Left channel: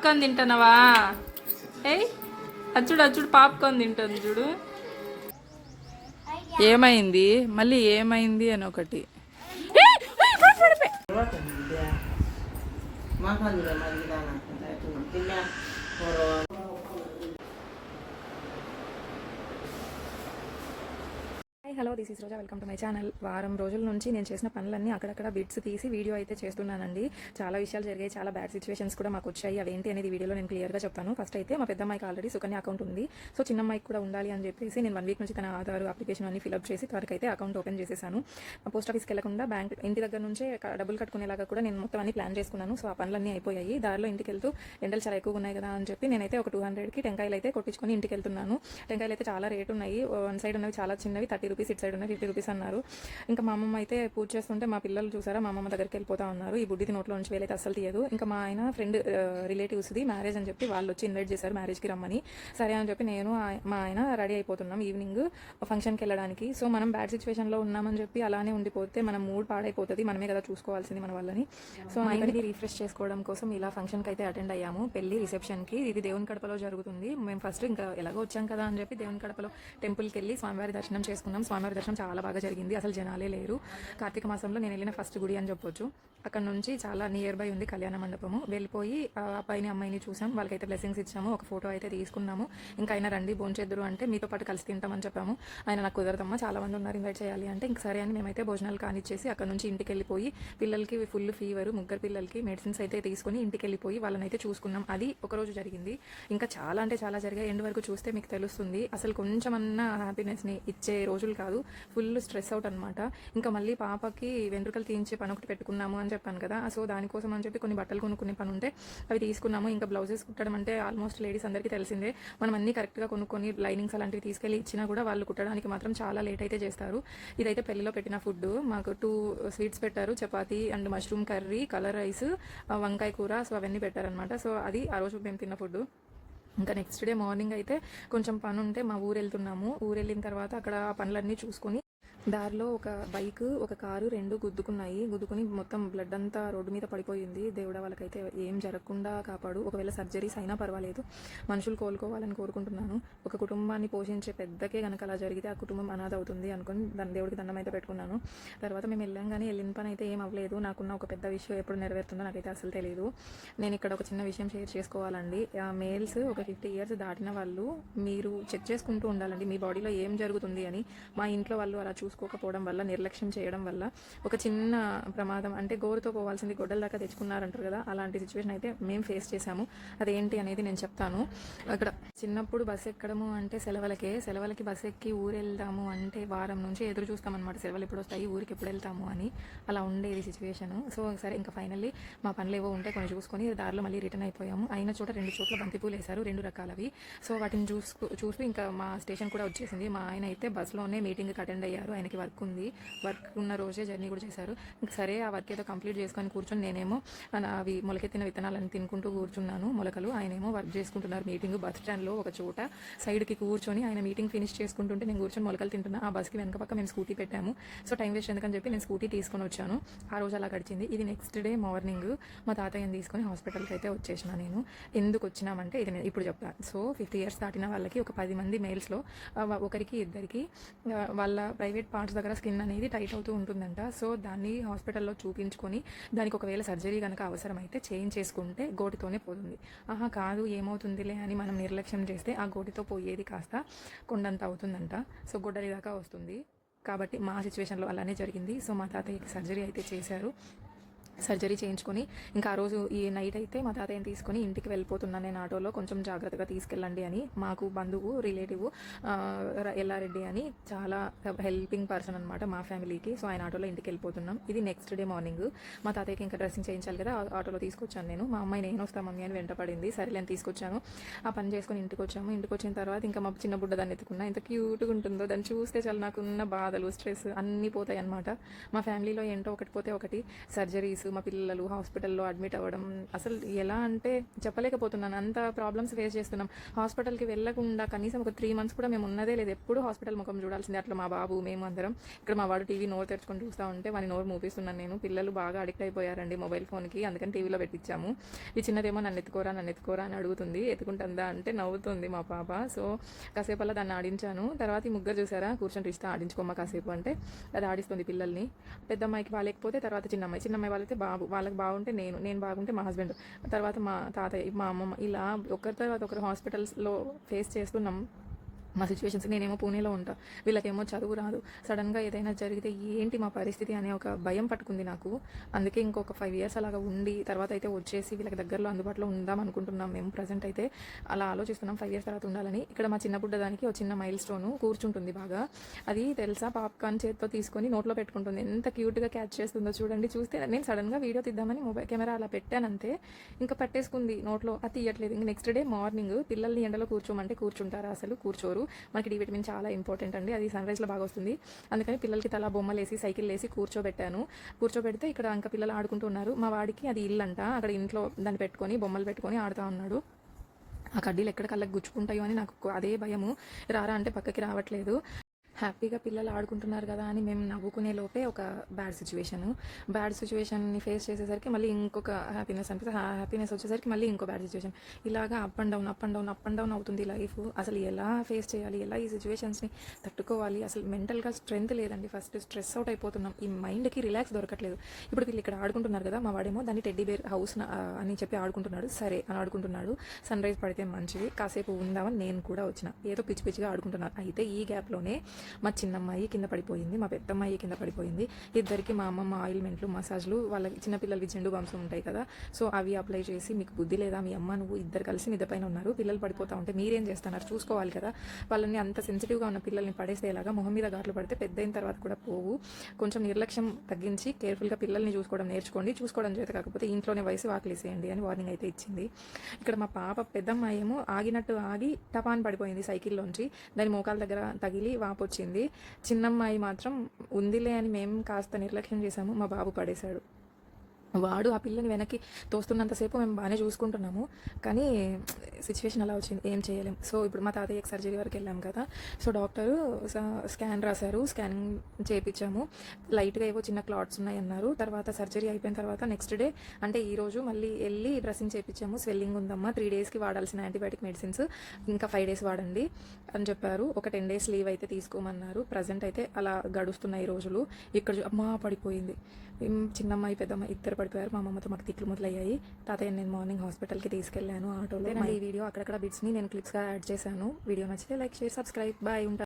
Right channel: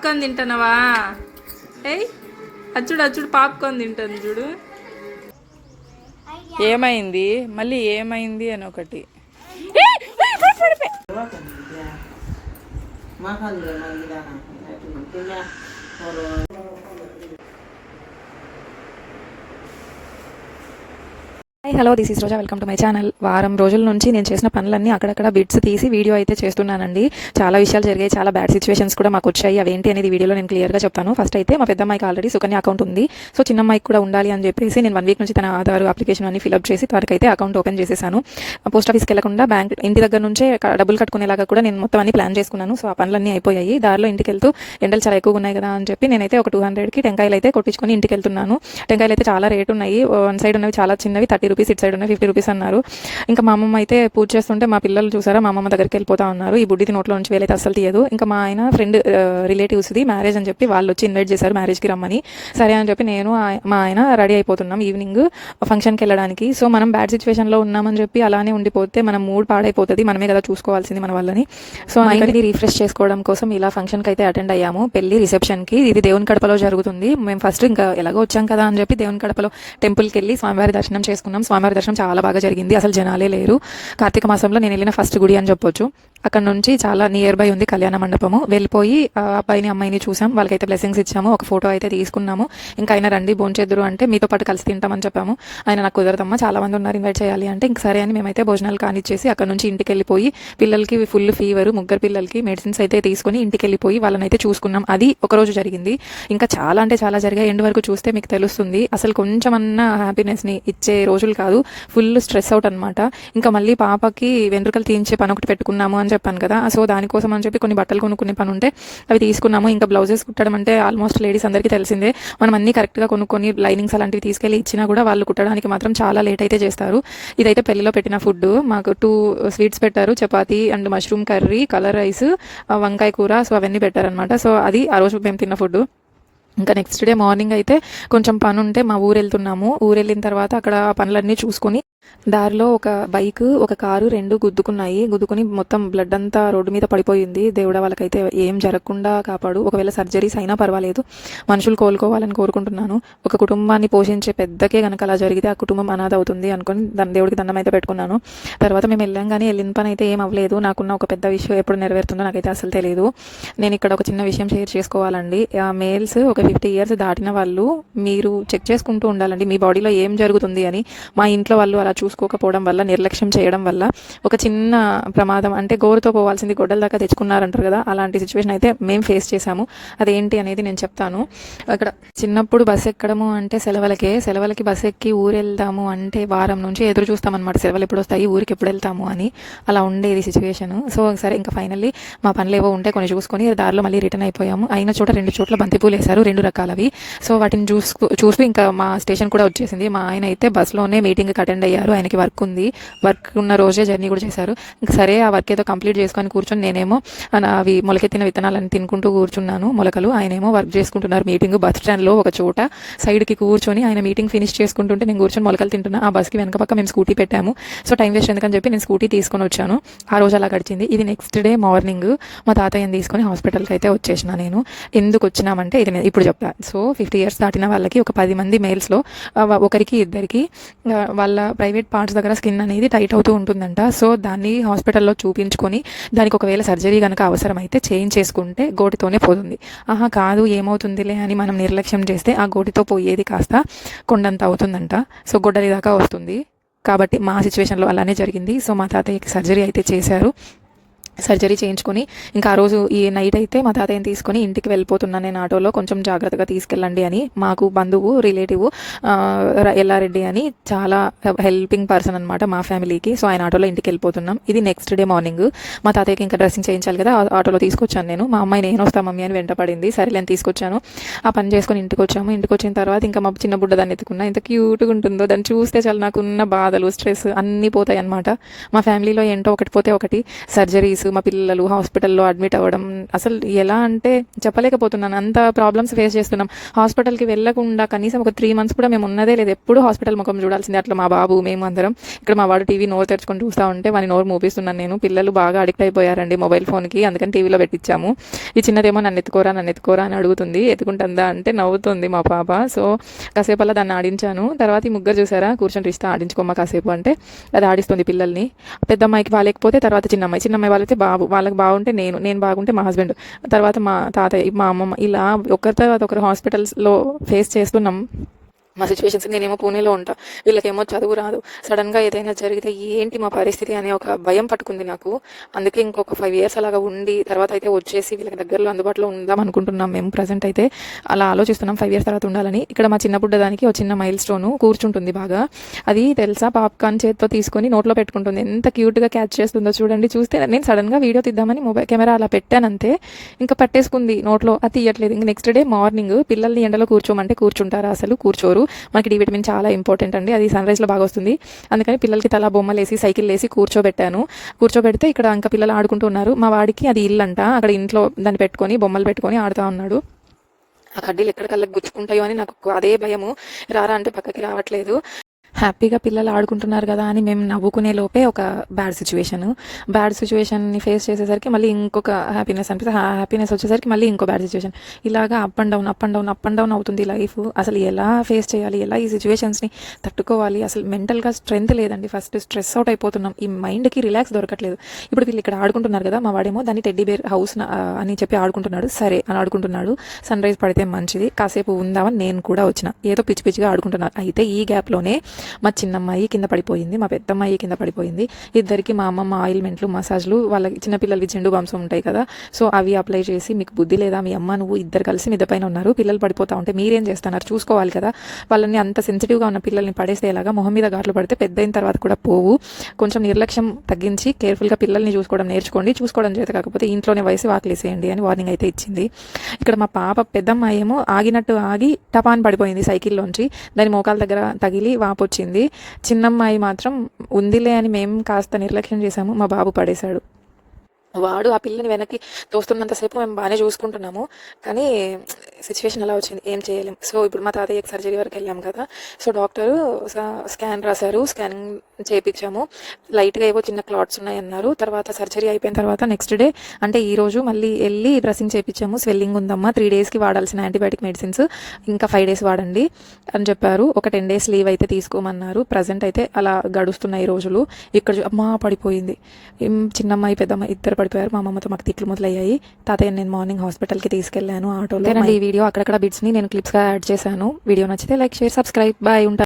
Popcorn తింటున్నావా? ఏయ్ అచ్చుడు అచ్చుడు popcorn తింటుంది చూడు. ఏమైంది మళ్ళీ ఏమైంది అని ఒకటి. Hello, this is Roja. Welcome to my channel. వారం రోజుల నుంచి నేను చేసిన పనులన్నీ అక్కడక్కడ బిట్స్ తీసి వీడియో అయితే చేస్తున్నానండి. చాలా విషయాలు జరిగాయి, చాలా బ్యాడ్ సిచ్యువేషన్స్ కూడా మాకు వచ్చాయి. అవేంటి అనేది వీడియోలో నేను క్లియర్గా చెప్తాను. ఫస్ట్ అయితే మా పెద్దమ్మాయికి ఆల్రెడీ సుకన్య అకౌంట్ ఉంది. సో చిన్నమ్మాయికి కూడా ఉండాలి అని చెప్పేసి నేను 1 వీక్ నుంచి తన ఆధార్ అప్లికేషన్ అన్ని ఫిల్అప్ చేసి తనకైతే అకౌంట్ ఓపెన్ చేసేసాను. పోస్ట్ ఆఫీస్కి వెళ్లకుండా బ్యాంక్ ఇంటి దగ్గర నుంచే డబ్బులు కట్టుకునేలాగా కూడా నేను మొత్తం అన్ని ప్లాన్ చేసుకున్నాను. సో ఆ పనులన్నీ అయిపోయాయి. దారిలో ఇంటికి వెళ్తూ ఎండలు చాలా ఎక్కువగా ఉన్నాయి కదా అని చెప్పి నేనైతే ఒక 200కి టెంకాయలు అయితే కొట్టించుకొని ఇంటికి వెళ్తున్నాను. టెంకాయలు అయితే చాలా రేట్ ఉన్నాయి. వన్ సైడ్ ఉన్నవి చాలా చిన్నవి 30 రూపీస్, ఇటు సైడ్ ఉన్నవి 50 రూపీస్ అన్నారు. ఇంకా మా అమ్మమ్మ అయితే పూజ చేస్తుంటే మా పిల్లలు చూసారా మా అమ్మమ్మ దగ్గరికి వెళ్ళిపోతా ఉన్నారు. ఈ బుడ్డిది నోట్లో నుంచి వేలైతే అస్సలు తీయదు. ఇంకా మా ఆయన ఫ్రెండ్ రిలేటివ్స్ది మ్యారేజ్ అని చెప్పి వాళ్ళు వచ్చి ఇన్వైట్ చేశారు మ్యారేజ్కి రమ్మని. సరే అని చెప్పి నేను మా ఆయన రెడీ అయిపోతున్నాం ఈవినింగ్ ఫంక్షన్కి వెళ్ళడానికి. సో మనం బ్యాడ్ సిచ్యువేషన్లో ఉన్నామని చెప్పి అలానే ఉండిపోతే మనం మూడ్ పాడైపోతుంది. మనమే కదా చూసుకోవాల్సింది మన వాళ్ళని. సో మైండ్ని రీఫ్రెష్ చేసుకోవడం కోసం ఇలా ఫంక్షన్కి అయితే అటెండ్ అయ్యాము. పెళ్లి రిసెప్షన్కి. ఇది దేవుని కడపలో జరుగుతుంది. మేము ఫస్ట్ ఇంకా ఎలాగో వచ్చాం కదా అని చెప్పి దేవుని కడపలో టెంపుల్కి వెళ్ళి స్వామివారి దర్శనం చేసుకున్నాం. స్వామివారి దర్శనం చాలా బాగా జరిగింది. అసలు జనాలే లేరు. కార్తీక మాసంలో నేను వెళ్ళిన ఫస్ట్ గుడి అని చెప్పొచ్చు. అక్కడ నుంచి చాలా నియర్ బై ఉంది కళ్యాణ మండపము. వెళ్ళిపోయి అబ్బాయిని అమ్మాయిని చూసాం. వాళ్ళకైతే బ్లెస్సింగ్స్ ఇచ్చాము. ఒక ఫోటో అయితే తీసుకున్నాము. ఇంకా ఆయన రండి భోంచేద్దురు అంటే మీతో పాటు కలిసి తింటామని చెప్పాము. ఆయన నాకు కుదరదమ్మా, చాలా మంది ఉన్నారు ఇన్వైట్ చేయాలి అంటే ఇంక సరే అని మేమైతే భోజనాలు కానిచ్చేసి అక్కడ నుంచి ఇంటికి వెళ్ళిపోయి పిల్లలకి ఫుల్ ఫీవర్, ముగ్గురు పిల్లలకి మెడిసిన్స్ అయితే తీసుకొని ఇంటికి వెళ్ళిపోయి వాళ్ళని అయితే చూసుకున్నాం. అది ఒకరోజు జరిగింది. ఇంకా చాలా అంటే చాలా జరిగాయి. ఎండ్ వరకు చూస్తే మీకు తెలుస్తుంది. అసలు కొంచెమన్నా హ్యాపీనెస్ని ఇచ్చే రోజులు కాదు. ఫుల్ స్ట్రెస్ అవుట్ అనమాట. ఇంకా మళ్ళీ పాపకి వెంట్రుకలు తీయించే పని ఒకటి పెట్టుకున్నాము అని చెప్పాను కదా. సో దానికోసం అని చెప్పి కొన్ని బట్టలు కొనుక్కునే పని ఉంటే అవి తీసుకున్నాము. ఇంకా బ్లౌజెస్ కుట్టడం అంటే ఆల్మోస్ట్ లేడీస్ అందరికీ తెలిసిందే. మనం అన్ని కరెక్ట్గా కొనుక్కొని లైనింగ్స్ అలాంటివి తీసుకెళ్ళి ఇచ్చినా కూడా వాళ్ళు కుట్టడానికి మాత్రం చాలా లేట్ అయితే చేస్తారు. ఇదైతే పెళ్లిలో పెట్టిన ఫుడ్. మాకు 2 స్వీట్స్ పెట్టారు, chapati and mushroom curry, colour rice, వంకాయ కూర. సో అవన్నీ పెట్టారనమాట. సో అది ఆ రోజు మేము తిన్న ఫుడ్. ఇంకా నెక్స్ట్ డే మార్నింగ్ అయితే కొంచెం పని ఉంటే మా ఊరు వెళ్తున్నాము. ఊరు వెళ్ళిన తర్వాత అక్కడ పనులన్నీ చూసుకొని దారిలో ఒక బైక్, ఒక కారు 2 గుద్దుకుని మొత్తం బ్లడ్ అంతా రోడ్డు మీద పడిపోయింది. దేవుడా వాళ్ళకైతే ఏం జరగకుండా కాపాడు. ఒకవేళ సర్జరీస్ అయినా పర్వాలేదు, మనుషులు కోలుకోవాలని కోరుకుంటున్నాను. ఒక కుటుంబాన్ని పోషించే పెద్దకే కనుక అలా జరిగితే ఆ కుటుంబం అనాథ అవుతుంది అనుకుని దేవుడికి దండం అయితే పెట్టుకున్నాను. తర్వాత మేము వెళ్ళాం కానీ వెళ్ళిన పని అయితే ఏం అవ్వలేదు. నాకున్న ఒక పెద్ద విషయం ఎప్పుడు నెరవేరుతుందో నాకైతే అసలు తెలియదు. నేను ఇక్కడ ఒక చిన్న విషయం షేర్ చేసుకోవాలండి. మేల్స్ ఒక 50 ఇయర్స్ దాటిన వాళ్ళు మీరు చెక్ చేసుకుంటూ ఉండాలండి మీ బాడీలో ఏం జరుగుతుంది అని. మా ఇంట్లో వాళ్ళు అలా చూసుకోకపోవడం వల్ల, నిర్లక్ష్యం చేయడం వల్ల ఒక చిన్న ప్రమాదం, అంటే గోరుతో పోవాల్సింది గొడ్డల దాకా తెచ్చుకున్నారంటారు కదా, అలాంటి సిచ్యువేషన్ అయితే మేము ఫేస్ చేశాము. అదేంటి అనేది నేను చెప్తాను. అక్కడ చిన్నప్పుడు బస్సు ఎక్కడము అంటే సెలవులకి బస్సు ఎక్కి ఊరు వెళ్దాము అంటే వారం నుంచి ఎదురు చూస్తామన్నమాట. సెలవులు ఎప్పుడు వస్తాయి, ఊరికి ఎప్పుడు వెళ్తాము అని. అలా ఉండేది సిచ్యువేషన్. సో సరే ఇంకా ఫైనల్లీ మా పనులు ఏవో ఉంటే కొన్ని చూసుకొని దారిలో మళ్ళీ రిటర్న్ అయిపోయాము. అయిన చోట 2 చోట్ల బంతిపూలు వేశారు, 2 రకాలవి. సో వాటిని చూస్తూ ఇంకా మా స్టేషన్ కూడా వచ్చేసింది. మా ఆయన అయితే బస్సులోనే మీటింగ్కి అటెండ్ అయ్యారు. ఆయనకి వర్క్ ఉంది. వర్క్ ఉన్న రోజే జర్నీ కూడా చేశారు. ఇంకా సరే ఆ వర్క్ ఏదో కంప్లీట్ చేసుకొని కూర్చొని నేనేమో అవి మొలకెత్తిన విత్తనాలను తినుకుంటూ కూర్చున్నాను, మొలకలు. ఆయనేమో వర్క్ చేసుకుంటున్నారు. మీటింగ్ బస్ స్టాండ్లో ఒక చోట సైడ్కి కూర్చొని ఆయన మీటింగ్ ఫినిష్ చేసుకుంటుంటే నేను కూర్చొని మొలకలు తింటున్నా. ఆ బస్కి వెనక పక్క మేము స్కూటీ పెట్టాము. సో టైం వేస్ట్ ఎందుకని చెప్పి నేను స్కూటీ తీసుకొని వచ్చాను. ఆ రోజు అలా గడిచింది. ఇది నెక్స్ట్ డే మార్నింగ్ మా తాతయ్యని తీసుకొని హాస్పిటల్కి అయితే వచ్చేసిన. నేను ఎందుకు వచ్చినామంటే ఇది నేను ఇప్పుడు చెప్తాను. సో 50 ఇయర్స్ దాటిన వాళ్ళకి ఒక 10 మంది మేల్స్లో ఒకరికి ఇద్దరికి వాళ్ళ ప్రైవేట్ పార్ట్స్ దగ్గర స్కిన్ అనేది టైట్ అవుతూ ఉంటుందంట. సో దాన్ని హాస్పిటల్లో చూపించుకొని దానికి ఒకవేళ సర్జరీ కనుక అవసరమైతే చేయించేసుకుంటే గోటితోనే పోతుంది. కాదు ఏమవుతుందిలే అని మనం నిర్లక్ష్యం చేస్తే ఆ గోటితో పోయేది కాస్త కొండంత అవుతుందంట. సో గొడ్డలి దాకా వస్తుంది. కాబట్టి మా సిచ్యువేషన్లో అలానే జరిగింది. సో మా తాతయ్యకి సర్జరీ అయితే చేశారు. సర్జరీ చేయించుకొని ఇంకా ఆ రోజు ఈ నైట్ అయితే మా తాతయ్యని తీసుకొని ఇంటికి వెళ్ళిపోతున్నాను నేను ఆటోలో. కొంచెం జాగ్రత్తగా తీసుకెళ్ళండి అని. మాకు బంధువు, రిలేటివ్ ఎల్లారెడ్డి అని చాలా హెల్పింగ్ పర్సన్ అనమాట మా ఫ్యామిలీకి. సో ఆయన ఆటోలో ఇంటికి వెళ్ళిపోతున్నాం. ఇది నెక్స్ట్ డే మార్నింగ్. మా తాతయ్యకి ఇంకా డ్రెస్సింగ్ చేయించాలి కదా, ఆటోలో తీసుకొచ్చాను నేను. మా అమ్మాయి నేను వస్తాను మమ్మీ అని వెంటపడింది. సరే నేను తీసుకొచ్చాను. ఆ పని చేసుకొని ఇంటికి వచ్చాము. ఇంటికి వచ్చిన తర్వాత ఇంకా మా చిన్న బుడ్డ దాన్ని ఎత్తుకున్నా. ఎంత క్యూట్గా ఉంటుందో దాన్ని చూస్తే చాలా నాకున్న బాధలు, స్ట్రెస్ అన్నీ పోతాయి అనమాట. మా ఫ్యామిలీలో ఏంటో ఒకటి పోతే ఒకటి, సర్జరీస్, మా పిల్లలు హాస్పిటల్లో అడ్మిట్ అవ్వడం, అసలు ఎలా అంటే చెప్పలేకపోతున్నాను. అంత ప్రాబ్లమ్స్ ఫేస్ చేస్తున్నాం. హాస్పిటల్కి వెళ్ళకుండా కనీసం ఒక 3 months కూడా మేము ఉన్నదే లేదు. ఎప్పుడు హాస్పిటల్ ముఖం చూడాల్సిందే. అట్లా మా బాబు మేము అందరం ఇక్కడ మా వాడు టీవీ నోరు తెరుచుకొని చూస్తూ ఉంటే వాని నోరు మూపిస్తున్నాను నేను. పిల్లలు బాగా అడిక్ట్ అయిపోయారండి మొబైల్ ఫోన్కి, అందుకని టీవీలో పెట్టించాము. ఈ చిన్నదేమో నన్ను ఎత్తుకోరా అని అడుగుతుంది. ఎత్తుకుంటుందా అంటే నవ్వుతుంది మా పాప. సో కాసేపు అలా దాన్ని ఆడించాను. తర్వాత ఈ ముగ్గురు చూసారా కూర్చొని రిస్తా ఆడించుకోమ్మ కాసేపు అంటే అది ఆడిస్తుంది పిల్లల్ని. పెద్ద అమ్మాయికి బాగాలేకపోతే తర్వాత చిన్నమ్మాయి వాళ్ళైతే వాళ్ళకి బాగుంటే నేను బాగుంటే మా హస్బెండ్, తర్వాత మా తాతయ్య, మా అమ్మమ్మ, ఇలా ఒకరి తర్వాత ఒకరు హాస్పిటల్స్లో ఫేస్ చేస్తున్నాం మా సిచ్యువేషన్స్. నేనేమో పూణేలో ఉంటా, వీళ్ళకేమో చదువు రాదు. సడన్గా ఏదైనా జరిగితే ఏంటి మా పరిస్థితి అనే ఒక భయం పట్టుకుంది నాకు. అందుకే ఇంకొక 5 years అలాగా ఉండి తర్వాత అయితే వచ్చేసి వీళ్ళకి దగ్గరలో అందుబాటులో ఉందాం అనుకుంటున్నాం మేము. ప్రజెంట్ అయితే అలా ఆలోచిస్తున్నాం 5 years తర్వాత ఉండాలని. ఇక్కడ మా చిన్న బుడ్డ దానికి ఒక చిన్న మైల్ స్టోన్ కూర్చుంటుంది బాగా. అది తెలుసా, పాప్కార్న్ చేతితో తీసుకొని నోట్లో పెట్టుకుంటుంది. ఎంత క్యూట్గా క్యాచ్ చేస్తుందో చూడండి. చూస్తే నేను సడన్గా వీడియో తీద్దామని మొబైల్ కెమెరా అలా పెట్టానంతే, ఇంకా పట్టేసుకుంది నోట్లో. అది తీయట్లేదు. ఇంక నెక్స్ట్ డే మార్నింగ్ పిల్లల్ని ఎండలో కూర్చోమంటే కూర్చుంటారా? అసలు కూర్చోరు. మనకి డి విటమిన్ చాలా ఇంపార్టెంట్ అండి, అది సన్ రైజ్లో బాగా వస్తుంది. అందుకని పిల్లలకి తలా బొమ్మలు వేసి సైకిల్ వేసి కూర్చోబెడితే ఇక్కడ ఇంకా పిల్లలు ఆడుకుంటూ ఉన్నారు. మా వాడికి అది ఇల్లు అంట, అక్కడ ఇంట్లో దాన్ని పెట్టుకొని బొమ్మలు పెట్టుకొని ఆడుతూ ఉన్నాడు. ఆ కడ్డీలు ఎక్కడ కళ్ళకి గుచ్చుకుంటాయో అని నాకు అదే భయము. రారా అంటే పక్కకి రావట్లేదు. హ్యాపీగా పిల్లలు ఆడుకుంటున్నారు కదా అని మేము నవ్వుకునే లోపే ఒక బ్యాడ్ సిచ్యువేషన్ని ఫేస్ చేసేసరికి మళ్ళీ ఇంకొక హ్యాపీనెస్ అనిపిస్తే, హ్యాపీనెస్ వచ్చేసరికి మళ్ళీ ఇంకో బ్యాడ్ సిచ్యువేషన్. ఇలాగా అప్ అండ్ డౌన్ అవుతుంది లైఫ్. అసలు ఎలా ఫేస్ చేయాలి, ఎలా ఈ సిచ్యువేషన్స్ని తట్టుకోవాలి, అసలు మెంటల్గా స్ట్రెంత్ లేదండి. ఫస్ట్ స్ట్రెస్ అవుట్ అయిపోతున్నాం, ఈ మైండ్కి రిలాక్స్ దొరకట్లేదు. ఇప్పుడు వీళ్ళు ఇక్కడ ఆడుకుంటున్నారు కదా, మా వాడేమో దాన్ని టెడ్డీ బేర్ హౌస్ అని చెప్పి ఆడుకుంటున్నాడు. సరే అని ఆడుకుంటున్నాడు. సన్ రైజ్ పడితే మంచిది, కాసేపు ఉందామని నేను కూడా వచ్చిన. ఏదో పిచ్చిగా ఆడుకుంటున్నారు. అయితే ఈ గ్యాప్లోనే మా చిన్నమ్మాయి కింద పడిపోయింది, మా పెద్దమ్మాయి కింద పడిపోయింది. ఇద్దరికి మా అమ్మమ్మ ఆయిల్మెంట్లు, మసాజ్లు, వాళ్ళకి చిన్నపిల్లలకి జెండు బాంసం ఉంటాయి కదా, సో అవి అప్లై చేసి, మీకు బుద్ధి లేదా, మీ అమ్మ నువ్వు ఇద్దరు కలిసి మిద్ద పైన ఉన్నారు, పిల్లలు పడిపోతా ఉంటే మీరేం చేస్తున్నారు, చూసుకోవాలి కదా. వాళ్ళని అంత సెన్సిటివ్గా ఉన్న పిల్లల్ని పడేస్తే ఎలాగా? మొహం మీద ఘాట్లు పడితే పెద్ద అయిన తర్వాత కూడా పోవు. కొంచెం నిర్లక్ష్యం తగ్గించి కేర్ఫుల్గా పిల్లల్ని చూసుకోవడం నేర్చుకోండి. చూసుకోవడం చేత కాకపోతే ఇంట్లోనే వయసు వాకిలేసేయండి అని వార్నింగ్ అయితే ఇచ్చింది. ఇక్కడ మా పాప పెద్దమ్మాయి ఏమో ఆగినట్టు ఆగి టపాన్ పడిపోయింది సైకిల్లోంచి. దాని మోకాల దగ్గర తగిలి వాపు వచ్చింది. చిన్నమ్మాయి మాత్రం ఉందిలే అని మేము కాస్త నిర్లక్ష్యం చేశాము, మా బాబు పడేశాడు. వాడు ఆ పిల్లని వెనక్కి తోస్తున్నంతసేపు మేము బాగానే చూసుకుంటున్నాము, కానీ సిచ్యువేషన్ అలా వచ్చింది, ఏం చేయలేం. సో ఇప్పుడు మా తాతయ్యకి సర్జరీ వరకు వెళ్ళాం కదా, సో డాక్టరు స్కాన్ రాశారు, స్కానింగ్ చేయించాము. లైట్గా ఏవో చిన్న క్లాట్స్ ఉన్నాయన్నారు. తర్వాత సర్జరీ అయిపోయిన తర్వాత నెక్స్ట్ డే అంటే ఈరోజు మళ్ళీ వెళ్ళి డ్రెస్సింగ్ చేయించాము. స్వెల్లింగ్ ఉందమ్మా, 3 daysకి వాడాల్సిన యాంటీబయాటిక్ మెడిసిన్స్ ఇంకా 5 days వాడండి అని చెప్పారు. ఒక 10 days లీవ్ అయితే తీసుకోమన్నారు. ప్రజెంట్ అయితే అలా గడుస్తున్నాయి రోజులు. ఇక్కడ అమ్మా పడిపోయింది, చిన్నమ్మాయి పెద్దమ్మాయి ఇద్దరు పడిపోయారు. మా అమ్మతో మాకు తిట్లు మొదలయ్యాయి. తాతయ్య నేను మార్నింగ్ హాస్పిటల్కి తీసుకెళ్ళాను ఆటోలో. ఈ వీడియో అక్కడక్కడ బిట్స్ని నేను క్లిప్స్గా యాడ్ చేశాను. వీడియో నచ్చితే లైక్, షేర్, సబ్స్క్రైబ్. బాయ్, ఉంటాను.